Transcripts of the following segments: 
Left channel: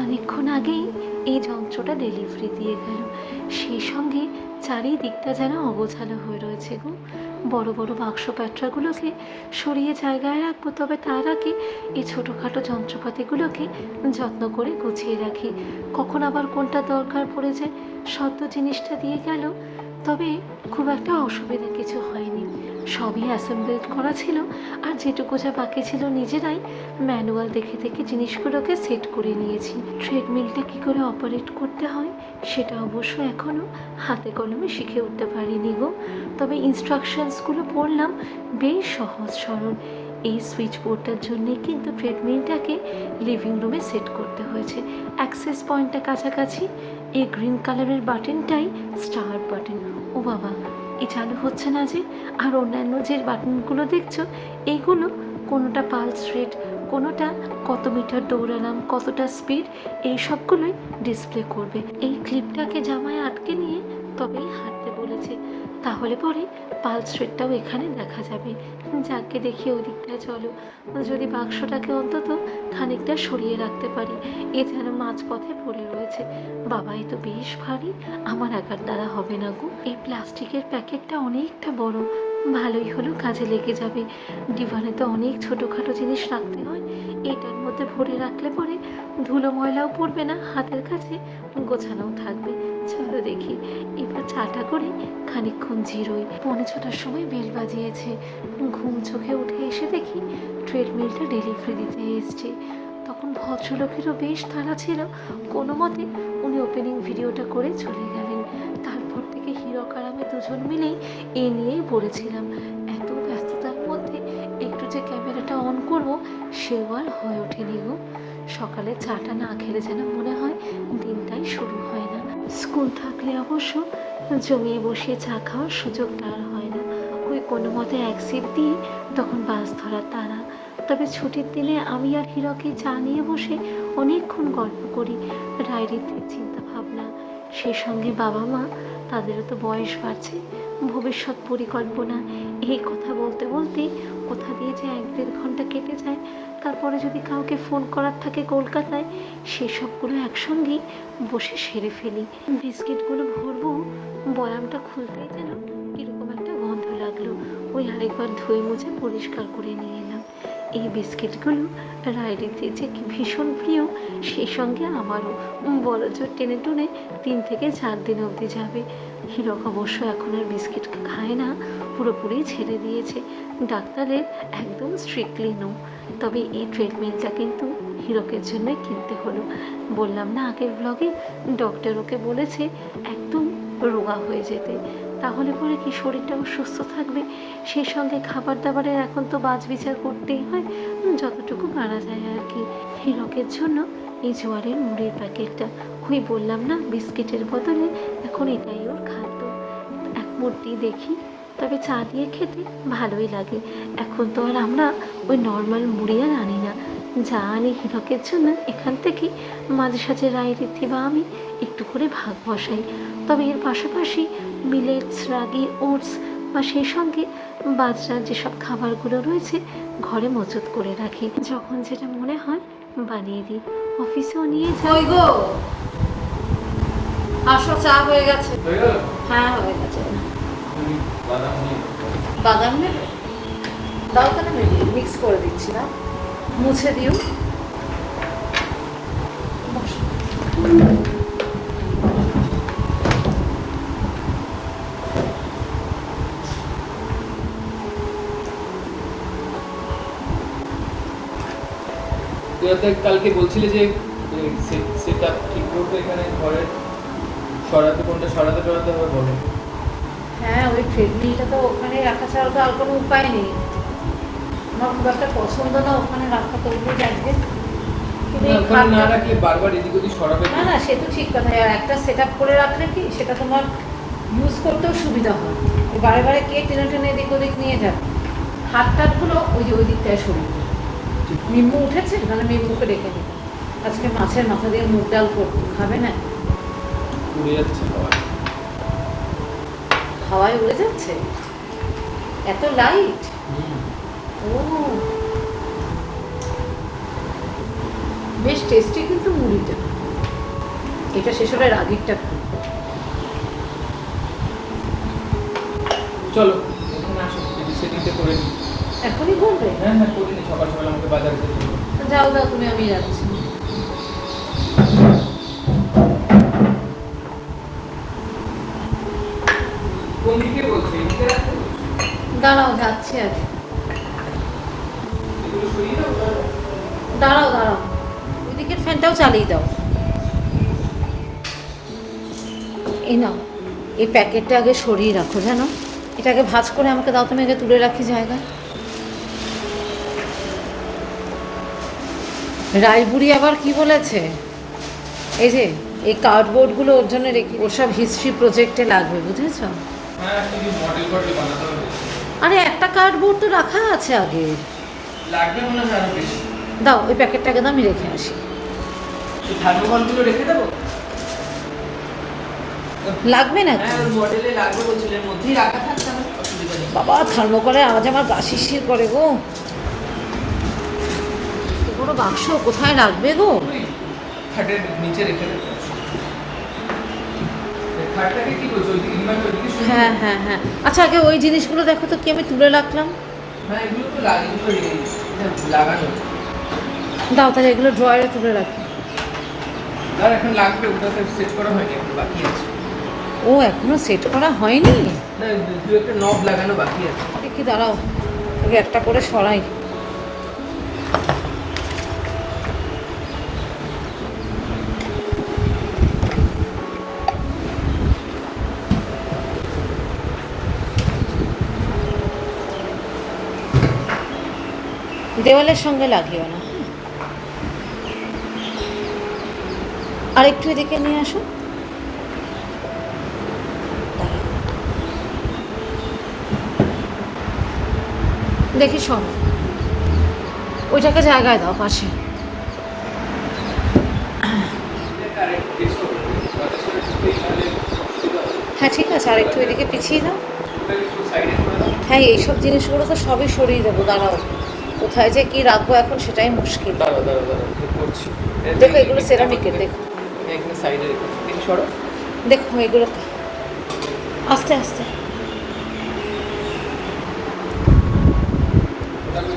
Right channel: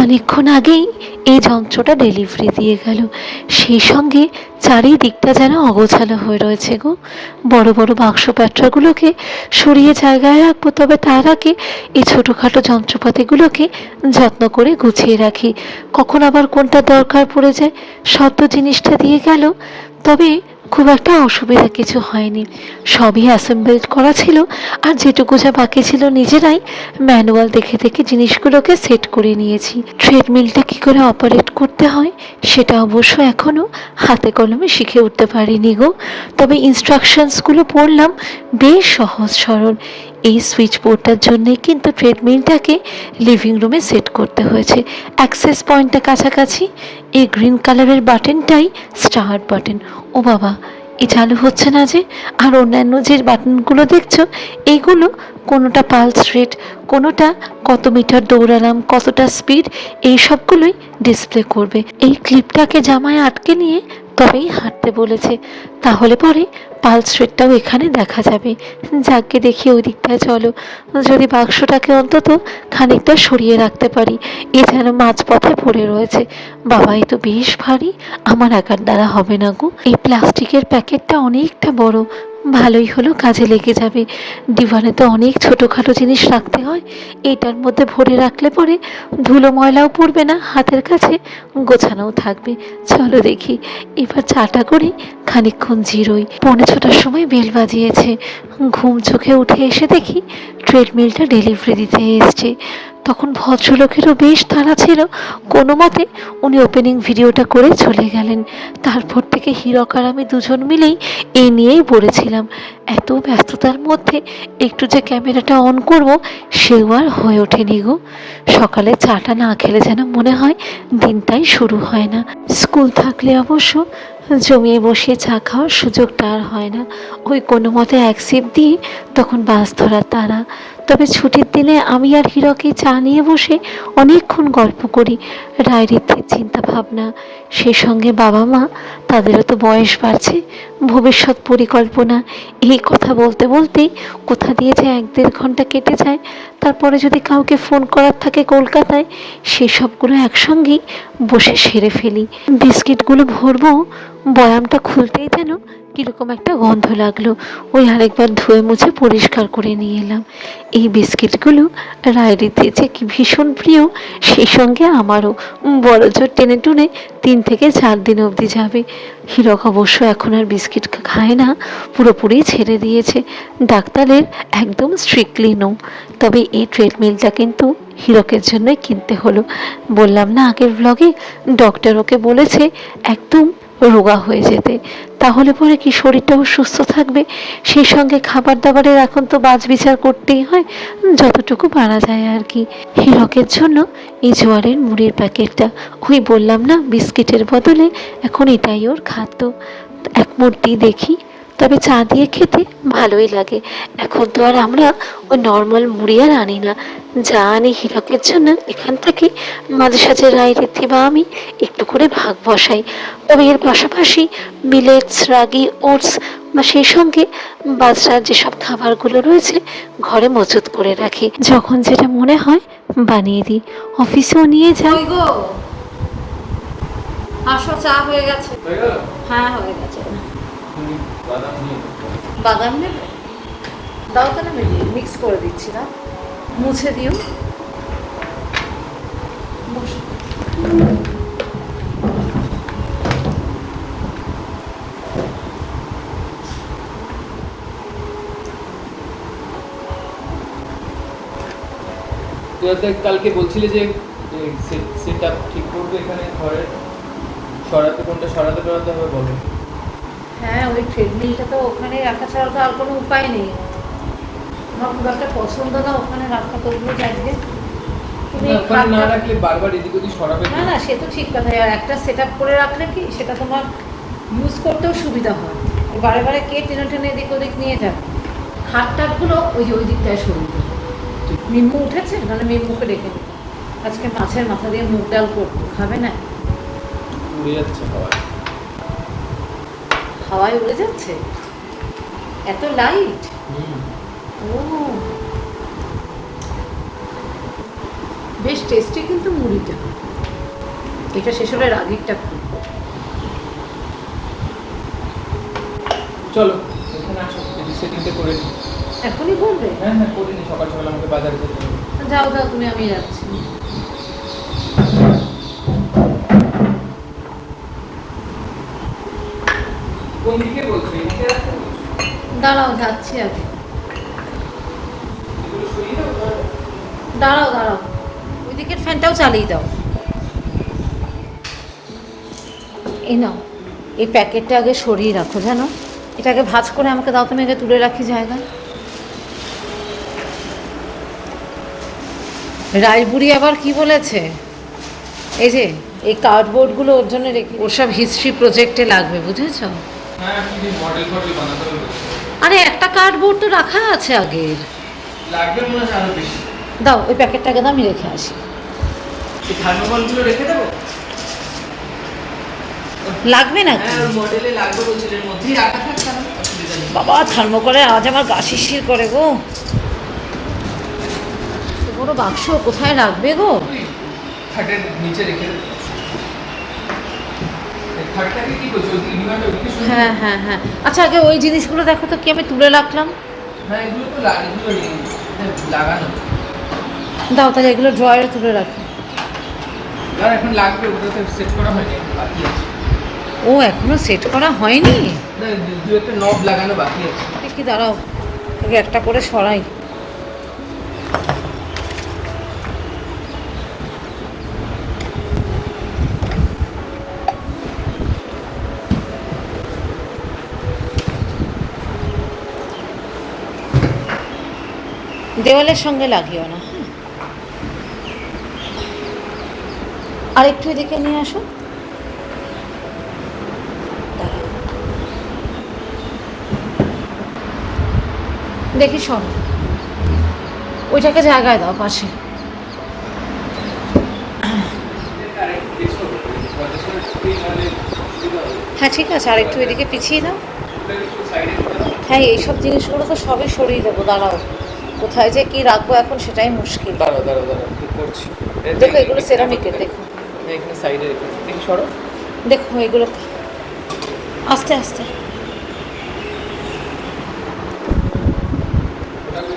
খানিকক্ষণ আগেই এই যন্ত্রটা ডেলিভারি দিয়ে গেল, সেই সঙ্গে চারিদিকটা যেন অগোছালো হয়ে রয়েছে গো। বড় বড় বাক্স প্যাট্রাগুলোকে সরিয়ে জায়গায় রাখবো, তবে তার আগে এই ছোটোখাটো যন্ত্রপাতিগুলোকে যত্ন করে গুছিয়ে রাখি। কখন আবার কোনটা দরকার পড়ে যায়। সব তো জিনিসটা দিয়ে গেল, তবে খুব একটা অসুবিধা কিছু হয়নি। সবই অ্যাসেম্বলড করা ছিল, আর যেটুকু যা বাকি ছিল নিজেরাই ম্যানুয়াল দেখে দেখে জিনিসগুলোকে সেট করে নিয়েছি। ট্রেডমিলটা কী করে অপারেট করতে হয় সেটা অবশ্য এখনও হাতে কলমে শিখে উঠতে পারিনি গো, তবে ইনস্ট্রাকশনসগুলো পড়লাম, বেশ সহজ সরল। এই সুইচ বোর্ডটার জন্যেই কিন্তু ট্রেডমিলটাকে লিভিং রুমে সেট করতে হয়েছে। অ্যাক্সেস পয়েন্টটা কাছাকাছি, এই গ্রিন কালারের বাটনটাই স্টার্ট বাটন। ও বাবা, এ চালু হচ্ছে না যে! আর অন্যান্য যে বাটনগুলো দেখছো, এইগুলো কোনোটা পালস রেট, কোনোটা কত মিটার দৌড়ালাম, কতটা স্পিড, এই সবগুলোই ডিসপ্লে করবে। এই ক্লিপটাকে জামায় আটকে নিয়ে তবেই হাঁটতে বলেছে, তাহলে পরে পালস রেটটাও এখানে দেখা যাবে। যাকে দেখি ওই দিকটায় চলো, যদি বাক্সটাকে অন্তত খানিকটা সরিয়ে রাখতে পারি। এ যেন মাঝপথে পড়ে রয়েছে। বাবাই তো বেশ ভারী, আমার একার দ্বারা হবে না গো। এই প্লাস্টিকের প্যাকেটটা অনেকটা বড়, ভালোই হলো, কাজে লেগে যাবে। ডিভানে তো অনেক ছোটোখাটো জিনিস রাখতে হয়, এইটার মধ্যে ভরে রাখলে পরে ধুলো ময়লাও পড়বে না, হাতের কাছে গোছানোও থাকবে। চলো দেখি এবার চাটা করে খানিকক্ষণ জিরোই। 6:45 সময় বেল বাজিয়েছে। ঘুম চোখে উঠে এসে দেখি ট্রেডমিলটা ডেলিভারি দিতে এসছে। তখন ভদ্রলোকেরও বেশ তাড়া ছিল, কোনো মতে উনি ওপেনিং ভিডিওটা করে চলে গেলেন। তারপর থেকে হীরক আর আমি দুজন মিলেই এই নিয়েই পড়েছিলাম। এত ব্যস্ততার মধ্যে একটু যে ক্যামেরাটা অন করব সেও আর হয়ে ওঠেনি গো। সকালে চাটা না খেলে যেন মনে হয় দিনটাই শুরু হয় না। স্কুল থাকলে অবশ্য জমিয়ে বসিয়ে চা খাওয়ার সুযোগটা আর হয় না। ওই কোনো মতে এক সিপ দিয়ে তখন বাস ধরার তাড়া। তবে ছুটির দিনে আমি আর হীরকে চা নিয়ে বসে অনেকক্ষণ গল্প করি। রায়রিদ্ধির চিন্তা ভাবনা, সেই সঙ্গে বাবা মা, তাদেরও তো বয়স বাড়ছে, ভবিষ্যৎ পরিকল্পনা, এই কথা বলতে বলতেই কোথা দিয়ে যে 1-1.5 ঘন্টা কেটে যায়। তারপরে যদি কাউকে ফোন করার থাকে কলকাতায়, সেসবগুলো একসঙ্গেই বসে সেরে ফেলি। বিস্কিটগুলো ভরবো, বয়ামটা খুলতেই যেন কীরকম একটা গন্ধ লাগলো। ওই আরেকবার ধুয়ে মুছে পরিষ্কার করে নিয়ে এলাম। এই বিস্কিটগুলো রায়রিদ্ধির যে কি ভীষণ প্রিয়, সেই সঙ্গে আমারও। বড় জোর টেনে টুনে 3 থেকে 4 দিন অবধি যাবে। হীরক অবশ্য এখন আর বিস্কিট খায় না, পুরোপুরি ছেড়ে দিয়েছে। ডাক্তারের একদম স্ট্রিক্টলি নো। তবে এই ট্রেডমিলটা কিন্তু হীরকের জন্যই কিনতে হলো। বললাম না আগের ব্লগে, ডক্টর ওকে বলেছে একদম রোগা হয়ে যেতে, তাহলে পরে কি শরীরটাও সুস্থ থাকবে। সেই সঙ্গে খাবার দাবারের এখন তো বাছ বিচার করতেই হয়, যতটুকু পারা যায় আর কি। হীরকের জন্য এই জোয়ারের মুড়ির প্যাকেটটা, ওই বললাম না বিস্কিটের বদলে এখন এটাই ওর খাদ্য। এক মুঠি দেখি, তবে চা দিয়ে খেতে ভালোই লাগে। এখন তো আর আমরা ওই নর্মাল মুড়ি আর আনি না, যা আনি হীরকের জন্য এখান থেকে মাঝে সাঝে রায়রিদ্ধি বা আমি একটু করে ভাগ বসাই। তবে এর পাশাপাশি মিলেটস, রাগি, ওটস বা সেই সঙ্গে বাজরার যেসব খাবারগুলো রয়েছে ঘরে মজুত করে রাখি, যখন যেটা মনে হয় বানিয়ে দিই। অফিসেও নিয়ে যাই। আসো, চা হয়ে গেছে। হ্যাঁ হয়ে গেছে। বাদাম নেবে? দাও তাহলে মিক্স করে দিচ্ছি না, মুছে দিও। কালকে বলছিলে যে সেটা ঠিক করতে এখানে ঘরে সরাতে কোনটা সরাতে হবে বলো। হ্যাঁ, ওই ট্রেডমিলটা তো ওখানে রাখা ছাড়া তো আর কোনো উপায় নেই। আমার খুব একটা পছন্দ না ওখানে রাখা, করবো যাইবে ওখানে না রাখলে বারবার এদিক ওদিক সরাবে না। না, সে তো ঠিক কথা। একটা সেট আপ করে রাখলে কি সেটা তোমার ইউজ করতেও সুবিধা হয়। বারে বারে কে টেনে টেনে এদিক ওদিক নিয়ে যাবে। হাত টাতগুলো ওই যে ওই দিকটায় সরিয়ে দেবে। নিম্বু উঠেছে, মানে নিম্বুকে রেখে দেবে। আজকে মাছের মাথা দিয়ে মুগ ডাল করতে হবে না, উড়ে যাচ্ছে হাওয়ায় উড়ে যাচ্ছে, এত লাইট। ও বেশ টেস্টি কিন্তু মুড়িটা। এটা শেষ হলে রাগিরটা খুব। চলো এখানে আসো, যদি সেদিনটা করে নিই। এখনই করবে? হ্যাঁ হ্যাঁ করিনি, সকাল সকাল আমাকে বাজারে যেতে হবে। যাও যাও তুমি, আমি যাচ্ছি। কোন দিকে বলছো? এদিকে রাখো? দাঁড়াও, যাচ্ছি আগে। এগুলো সরিয়ে দাও তাহলে। দাঁড়াও দাঁড়াও, ওই দিকের ফ্যানটাও চালিয়ে দাও। এই নাও, এই প্যাকেটটা আগে সরিয়ে রাখো, জানো এটাকে ভাঁজ করে আমাকে দাও, তুমি আগে তুলে রাখি জায়গায়। রায়বুড়ি আবার কি বলেছে, এই যে এই কার্ডবোর্ডগুলো ওর জন্য রেখে, ওর সব হিস্ট্রি প্রজেক্টে লাগবে, বুঝেছো? হ্যাঁ তুমি মডেল ফডেল বানাতে হবে। আরে একটা কার্ডবোর্ড তো রাখা আছে আগের। লাগবে মনে হয় আরো বেশি। দাও ওই প্যাকেটটাকে দাও, আমি রেখে আসি। এই থার্মোকলগুলো রেখে দেবো? লাগবে না? হ্যাঁ ওই মডেলে লাগবে বলছিল, এর মধ্যেই রাখা থাক তাহলে অসুবিধা নেই। বাবা থার্মোকলে আজ আমার গা শিরশির করে গো। এত বড় বাক্স কোথায় রাখবে গো? খাটের নিচে রেখে দেবো। এই খাটটাকে কি বলছো? ওইদিকে বিমানটা ওইদিকে সরিয়ে দাও। হ্যাঁ হ্যাঁ হ্যাঁ, আচ্ছা আগে ওই জিনিসগুলো দেখো তো কি আমি তুলে রাখলাম। হ্যাঁ এগুলো তো এগুলো লাগানো। দাও তাহলে এগুলো ড্রয়ারে তুলে রাখি। আর এখন লাগবে, ওটা তো সেট করা হয়নি, এখন বাকি আছে। ও এখনো সেট করা হয়নি? না দু একটা নব লাগানো বাকি আছে। দেখি দাঁড়াও, আগে একটা করে সরাই। দেওয়ালের সঙ্গে লাগিও না, হ্যাঁ? আর একটু এদিকে নিয়ে আসো। দাঁড়াও। দেখি শোন, ওইটাকে জায়গায় দাও পাশে। হ্যাঁ ঠিক আছে, আর একটু এদিকে পিছিয়ে দাও। হ্যাঁ এইসব জিনিসগুলো তো সবই সরিয়ে দেবো, দাঁড়াও। কোথায় যে কি রাখবো এখন সেটাই মুশকিল। দাঁড়াও দাঁড়াও দাঁড়াও, ঠিক করছি। দেখো এগুলো সেরামিকের, দেখো হ্যাঁ এখানে সাইডে রেখে দেখি, সরো। দেখো এগুলো আস্তে আস্তে।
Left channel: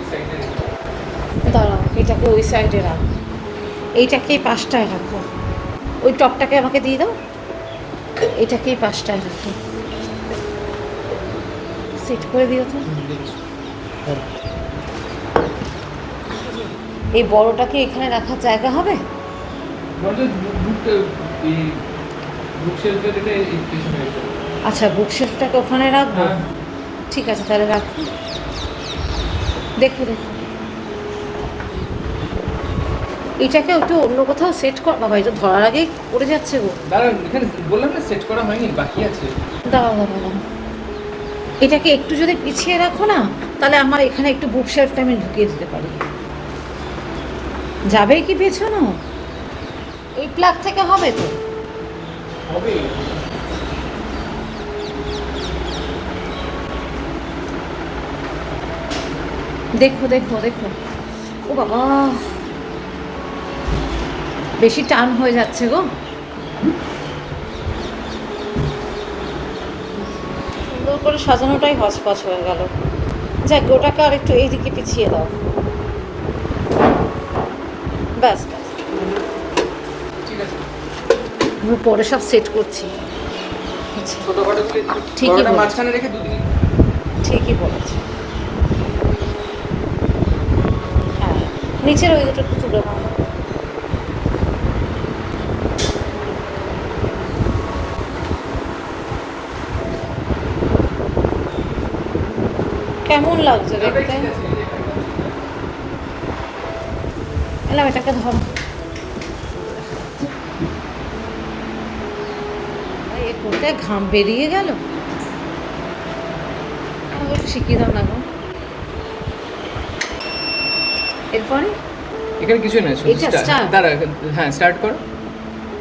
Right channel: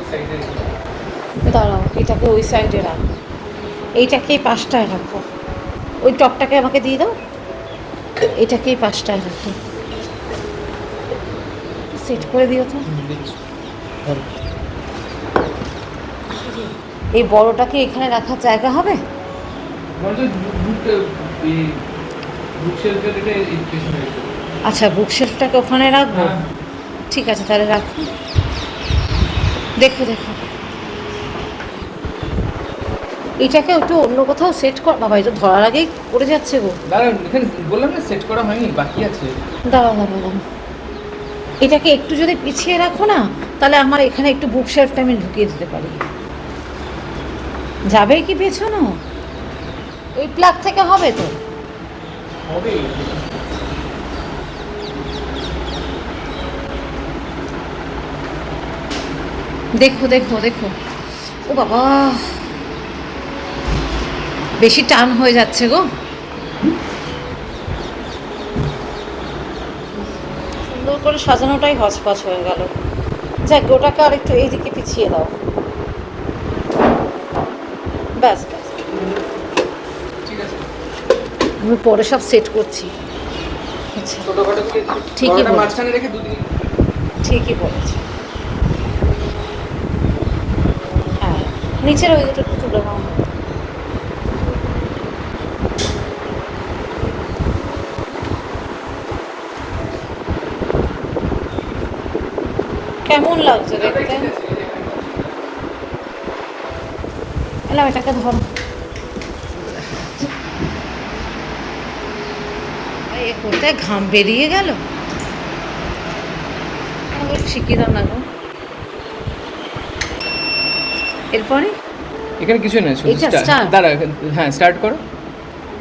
সাইডে রেখে দাঁড়াও, এটাকে ওই সাইডে রাখো, এইটাকে এই পাশটায় রাখো। ওই টপটাকে আমাকে দিয়ে দাও, এটাকে এই পাশটায় রাখো। সেট করে দিও তো। দেখছি। এই বড়টাকে এখানে রাখার জায়গা হবে? বলছে বুক শেলফে রেখে এই পিছনে রেখে। আচ্ছা বুক শেলফটাকে ওখানে রাখবো, হ্যাঁ। ঠিক আছে তাহলে রাখো। দেখো দেখো এটাকে একটু অন্য কোথাও সেট কর। বাবা এটা ধরার আগেই পড়ে যাচ্ছে গো। দাঁড়ান, এখানে বললাম না সেট করা হয়নি, বাকি আছে। দাঁড়াও দাঁড়াও দাঁড়াও, এটাকে একটু যদি পিছিয়ে রাখো না, তাহলে আমার এখানে একটু বুক শেলফটা আমি ঢুকিয়ে দিতে পারি। যাবে কি পেছনো? ওই প্লাগ থেকে হবে তো? হবে। দেখো দেখো দেখো, ও বাবা বেশি টান হয়ে যাচ্ছে গো। সুন্দর করে সাজানোটাই হচপচ হয়ে গেল। যাক ওটাকে আর একটু এইদিকে পিছিয়ে দাও, ব্যাস ব্যাস। ঠিক আছে। আমি পরে সব সেট করছি। আচ্ছা ছোটখাটো করে ঠিকই বড়টা বলেছ। মাঝখানে রেখে দুদিকে। ঠিকই বলেছে। হ্যাঁ নিচের ওই দুটো একটু তুলে নাও। কেমন লাগছে দেখতে? এলাম এটাকে ধরো। এ করতে ঘাম বেরিয়ে গেল। আমাকে একটু শিখিয়ে দাও না গো। এরপরে এখানে কিছু নেই, শুধু এটা start। start? দাঁড়া হ্যাঁ স্টার্ট করো।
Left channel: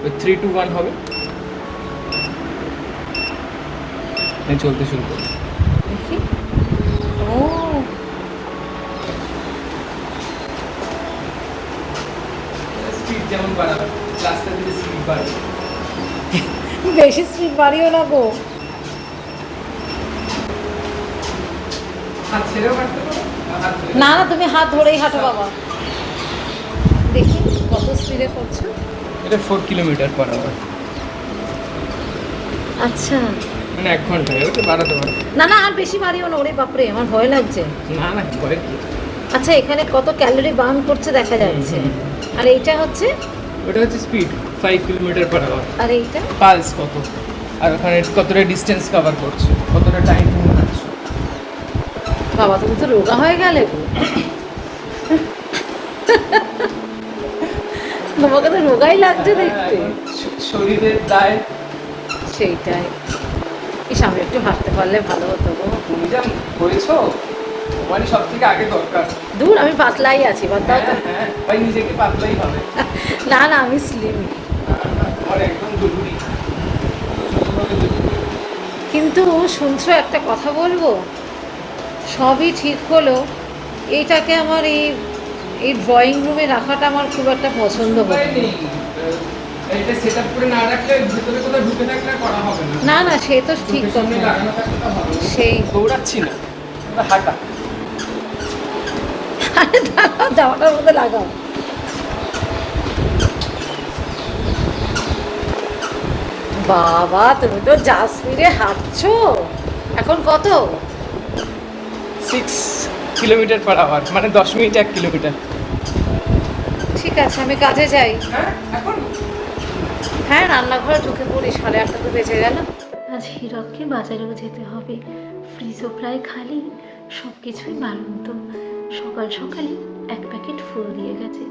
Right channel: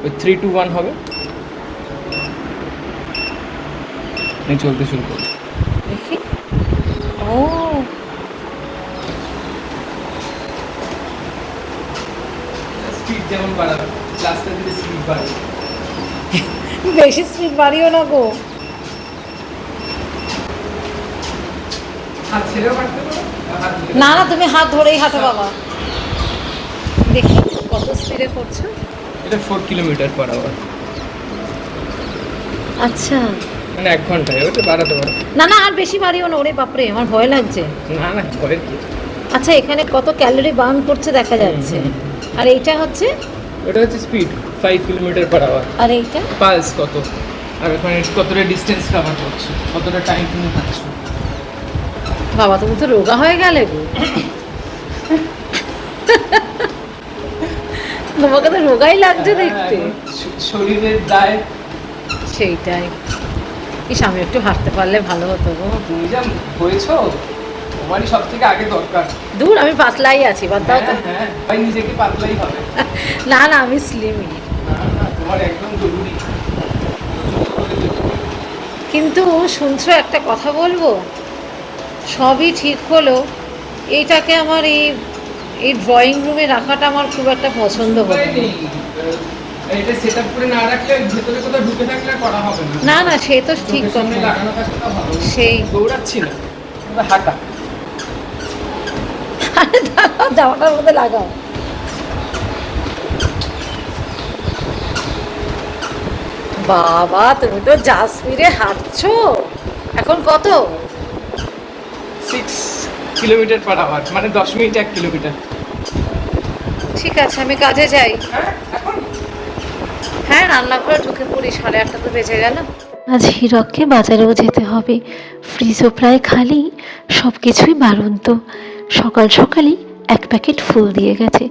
ওই 3 2 1 হবে। আমি চলতে শুরু করো। দেখি। ও যেমন বাড়াবে, রাস্তা যদি স্পিড বাড়ে। বেশি স্পিড বাড়িও না গো। হাত ছেড়েও কাটতে পারো, হাত ধরে। না না, তুমি হাত ধরেই হাঁটো বাবা। দেখি কত স্পিডে করছো। এটা 4 কিলোমিটার পার আওয়ার, আচ্ছা, মানে 1 ঘন্টায়। ওটা বাড়াতে পারো। না না, আর বেশি বাড়িও না। ওরে বাপরে, আমার ভয় লাগছে। না না, করে আচ্ছা, এখানে কত ক্যালোরি বার্ন করছে দেখা যাচ্ছে। আর এইটা হচ্ছে, ওটা হচ্ছে স্পিড 5 কিলোমিটার পার আওয়ার। আর এইটা পালস কত, আর ওখানে কতটা ডিস্টেন্স কভার করছো, কতটা টাইম তুমি হাঁটছো। বাবা, তুমি তো রোগা হয়ে গেলে গো। তোমাকে তো রোগাই লাগছে দেখতে। শরীরের দায়। সেইটাই। ইস, আমি একটু হাঁটতে পারলে ভালো হতো গো। তুমি যা হয়েছো, তোমারই সব থেকে আগে দরকার। দূর, আমি পাতলাই আছি, বাদ দাও তো। হ্যাঁ, ভাই নিজেকে পাতলাই হবে। না না, আমি স্লিমই। তোমার একদম জরুরি। কিন্তু শুনছো, একটা কথা বলবো, সবই ঠিক হলো, এইটাকে আমার এই ড্রয়িং রুমে রাখাটা আমার খুব একটা পছন্দ হলো না। এটা সেট আপ করে না রাখলে ভিতরে কোথাও ঢুকে থাকলে করা হবে না। না না, সে তো ঠিক সামনে কথা। লাগানো থাকলে তো হবে না। সেই দৌড়াচ্ছি না, আমরা হাঁটা। আরে দাঁড়াও, জামাটার মধ্যে লাগাও। বাবা, তুমি তো যা স্পিডে হাঁটছো। এখন কত? 6 কিলোমিটার পার আওয়ার, মানে 10 মিনিট 1 কিলোমিটার। ঠিক আছে, আমি কাজে যাই। হ্যাঁ, এখন হ্যাঁ, রান্নাঘরে ঢুকে পড়ি, 8:30 তো বেজে গেল। আজ হীরককে বাজারেও যেতে হবে, ফ্রিজও প্রায় খালি, সব কিছুই বাড়ন্ত। সকাল সকালই 1 প্যাকেট ফুল দিয়ে গেছে।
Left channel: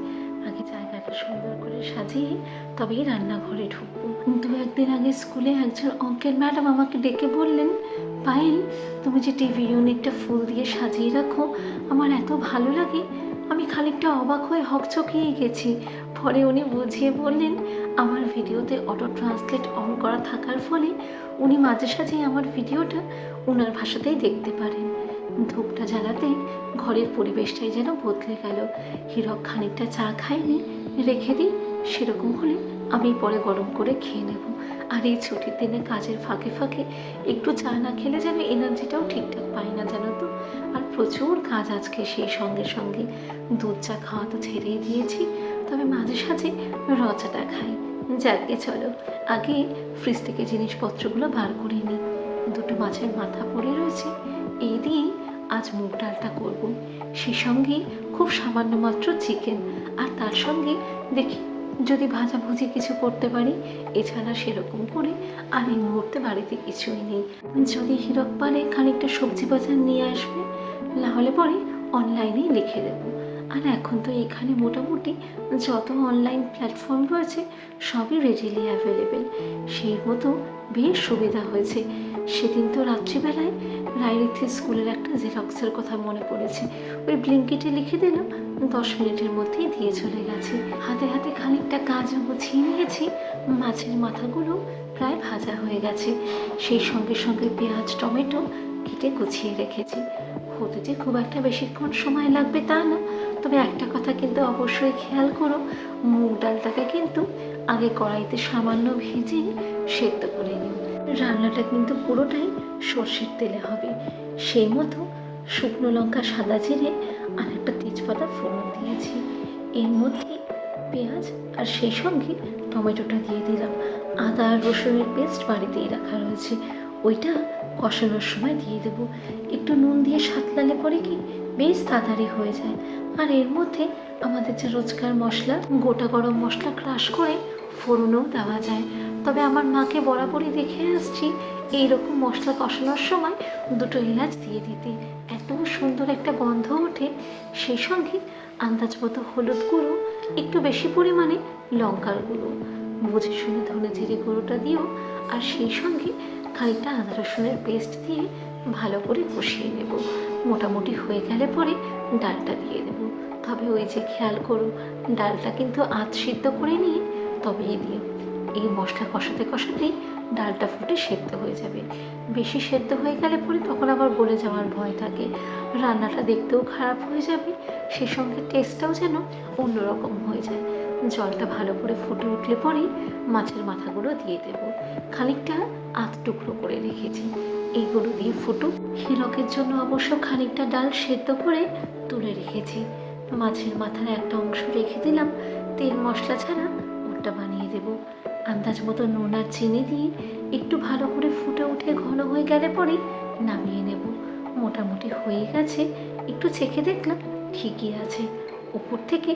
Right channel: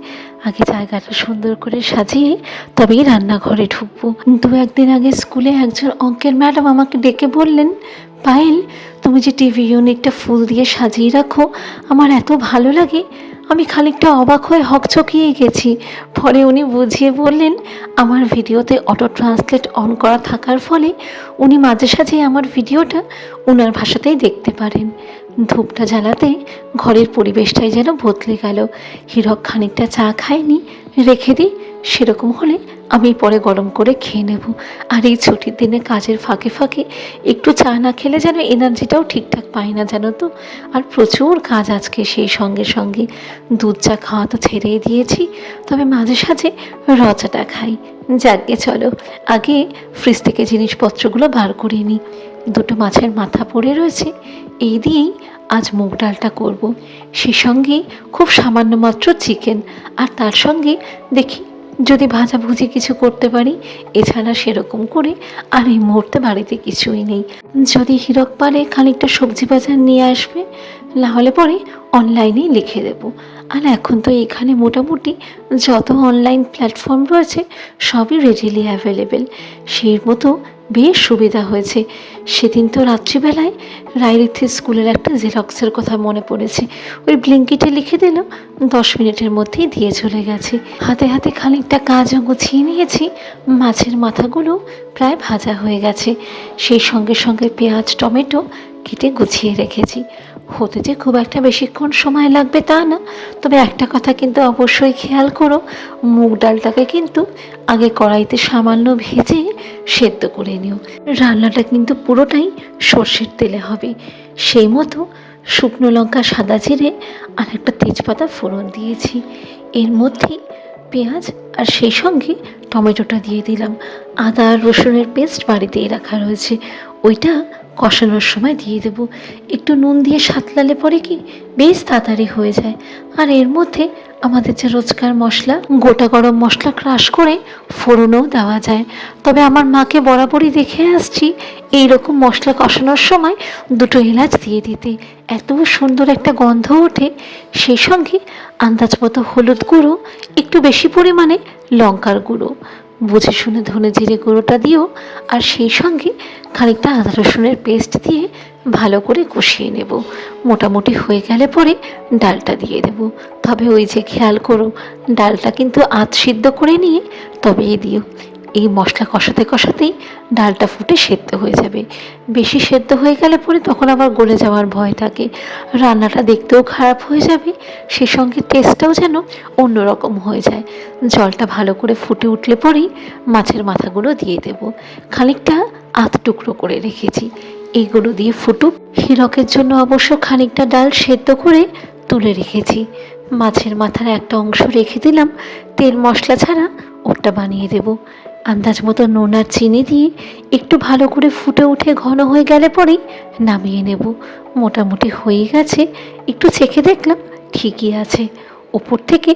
আগে জায়গাটা সুন্দর করে সাজিয়ে তবেই রান্নাঘরে ঢুকবো। 2-1 দিন আগে স্কুলে একজন অঙ্কের ম্যাডাম আমাকে ডেকে বললেন, পায়েল, তুমি যে টিভি ইউনিটটা ফুল দিয়ে সাজিয়ে রাখো, আমার এত ভালো লাগে। আমি খানিকটা অবাক হয়ে হকচকিয়ে গেছি। পরে উনি বুঝিয়ে বললেন, আমার ভিডিওতে অটো ট্রান্সলেট অন করা থাকার ফলে উনি মাঝে সাঝে আমার ভিডিওটা ওনার ভাষাতেই দেখতে পারেন। ধূপটা জ্বালাতে ঘরের পরিবেশটাই যেন বদলে গেল। হীরক খানিকটা চা খায়নি, রেখে দিই, সেরকম হলে আমি পরে গরম করে খেয়ে নেব। আর এই ছুটির দিনে কাজের ফাঁকে ফাঁকে একটু চা না খেলে যেন এনার্জিটাও ঠিকঠাক পাই না, জানো তো। আর প্রচুর কাজ আজকে, সেই সঙ্গে সঙ্গে দুধ চা খাওয়া তো ছেড়েই দিয়েছি, তবে মাঝে সাঝে রচাটা খাই। যাকে চলো, আগে ফ্রিজ থেকে জিনিসপত্রগুলো বার করে নিই। 2টো মাছের মাথা পড়ে রয়েছে, এই দিয়েই আজ মুগ ডালটা করব। সে সঙ্গে খুব সামান্য মাত্র চিকেন, আর তার সঙ্গে দেখি যদি ভাজাভুজি কিছু করতে পারি। এছাড়া সেরকম করে আর এই মুহূর্তে বাড়িতে কিছুই নেই। যদি হীরক পারে খানিকটা সবজি বাজার নিয়ে আসবে, না হলে পরে অনলাইনেই লিখে দেবো। আর এখন তো এখানে মোটামুটি যত অনলাইন প্ল্যাটফর্ম রয়েছে সবই রেডিলি অ্যাভেলেবেল, সেই মতো বেশ সুবিধা হয়েছে। সেদিন তো রাত্রিবেলায় রায়রিথি স্কুলের একটা জেরক্সের কথা মনে পড়েছে, ওই ব্লিঙ্কিটে লিখে দিল, 10 মিনিটের মধ্যেই দিয়ে চলে গেছে। হাতে হাতে খানিকটা কাজও গুছিয়ে নিয়েছি। মাছের মাথাগুলো প্রায় ভাজা হয়ে গেছে, সেই সঙ্গে সঙ্গে পেঁয়াজ টমেটো কেটে গুছিয়ে রেখেছি। হতে যে খুব একটা বেশিক্ষণ সময় লাগবে তা না, তবে একটা কথা কিন্তু অবশ্যই খেয়াল করো, মুগ ডালটাকে কিন্তু আগে কড়াইতে সামান্য ভেজে সেদ্ধ করে নিও। রান্নাটা কিন্তু পুরোটাই সর্ষের তেলে হবে। সেই মতো শুকনো লঙ্কা, সাদা জিরে আর একটা তেজপাতা ফোড়ন দিয়েছি। এর মধ্যে পেঁয়াজ আর সেই সঙ্গে টমেটোটা দিয়ে দিলাম। আদা আর রসুনের পেস্ট বাড়িতেই রাখা রয়েছে, ওইটা কষানোর সময় দিয়ে দেবো। একটু নুন দিয়ে সাঁতলালে পরে কি বেশ তাড়াতাড়ি হয়ে যায়। আর এর মধ্যে আমাদের যে রোজকার মশলা, গোটা গরম মশলা ক্রাশ করে ফোড়নও দেওয়া যায়। তবে আমার মাকে বরাবরই দেখে আসছি এই রকম মশলা কষানোর সময় 2টো এলাচ দিয়ে দিতে, এত সুন্দর একটা গন্ধ ওঠে। সেই সঙ্গে আন্দাজ মতো হলুদ গুঁড়ো, একটু বেশি পরিমাণে লঙ্কার গুঁড়ো, বুঝে শুনে ধনে জিরে গুঁড়োটা দিও, আর সেই সঙ্গে খানিকটা আদা রসুনের পেস্ট দিয়ে ভালো করে কষিয়ে নেব। মোটামুটি হয়ে গেলে পরে ডালটা দিয়ে দেব। তবে ওই যে খেয়াল করো, ডালটা কিন্তু আধ সিদ্ধ করে নিয়ে তবেই দিও। এই মশলা কষাতে কষাতেই ডালটা ফুটে সেদ্ধ হয়ে যাবে। বেশি সেদ্ধ হয়ে গেলে পরে তখন আবার গলে যাওয়ার ভয় থাকে, রান্নাটা দেখতেও খারাপ হয়ে যাবে, সেই সঙ্গে টেস্টটাও যেন অন্যরকম হয়ে যায়। জলটা ভালো করে ফুটে উঠলে পরেই মাছের মাথাগুলো দিয়ে দেব। খানিকটা আধ টুকরো করে রেখেছি, এইগুলো দিয়ে ফুটুক। হীরকের জন্য অবশ্য খানিকটা ডাল সেদ্ধ করে তুলে রেখেছি। মাছের মাথার একটা অংশ রেখে দিলাম, তেল মশলা ছাড়া ওটা বানিয়ে দেব। আন্দাজ মতো নুন আর চিনি দিয়ে একটু ভালো করে ফুটে উঠে ঘন হয়ে গেলে পরেই নামিয়ে নেব। মোটামুটি হয়ে গেছে, একটু চেখে দেখলাম ঠিকই আছে। ওপর থেকে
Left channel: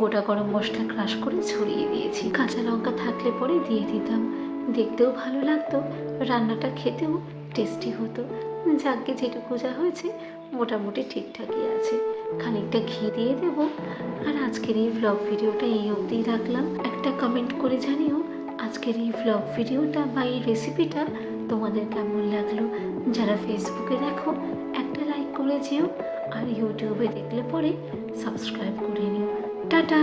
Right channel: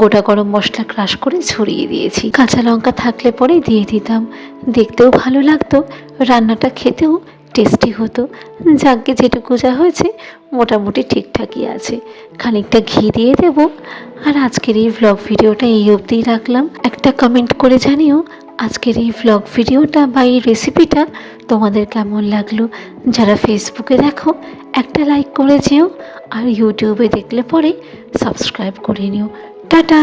গোটা গরম মশলা ক্রাশ করে ছড়িয়ে দিয়েছি। কাঁচা লঙ্কা থাকলে পরে দিয়ে দিতাম, দেখতেও ভালো লাগতো, রান্নাটা খেতেও টেস্টি হতো। যাকে যেটুকু যা হয়েছে মোটামুটি ঠিকঠাকই আছে। খানিকটা ঘি দিয়ে দেব। আর আজকের এই ভ্লগ ভিডিওটা এই অবধিই রাখলাম। একটা কমেন্ট করে জানিও আজকের এই ভ্লগ ভিডিওটা বা এই রেসিপিটা তোমাদের কেমন লাগলো। যারা ফেসবুকে দেখো একটা লাইক করে যেও, আর ইউটিউবে দেখলে পরে সাবস্ক্রাইব করে নিও। টাটা।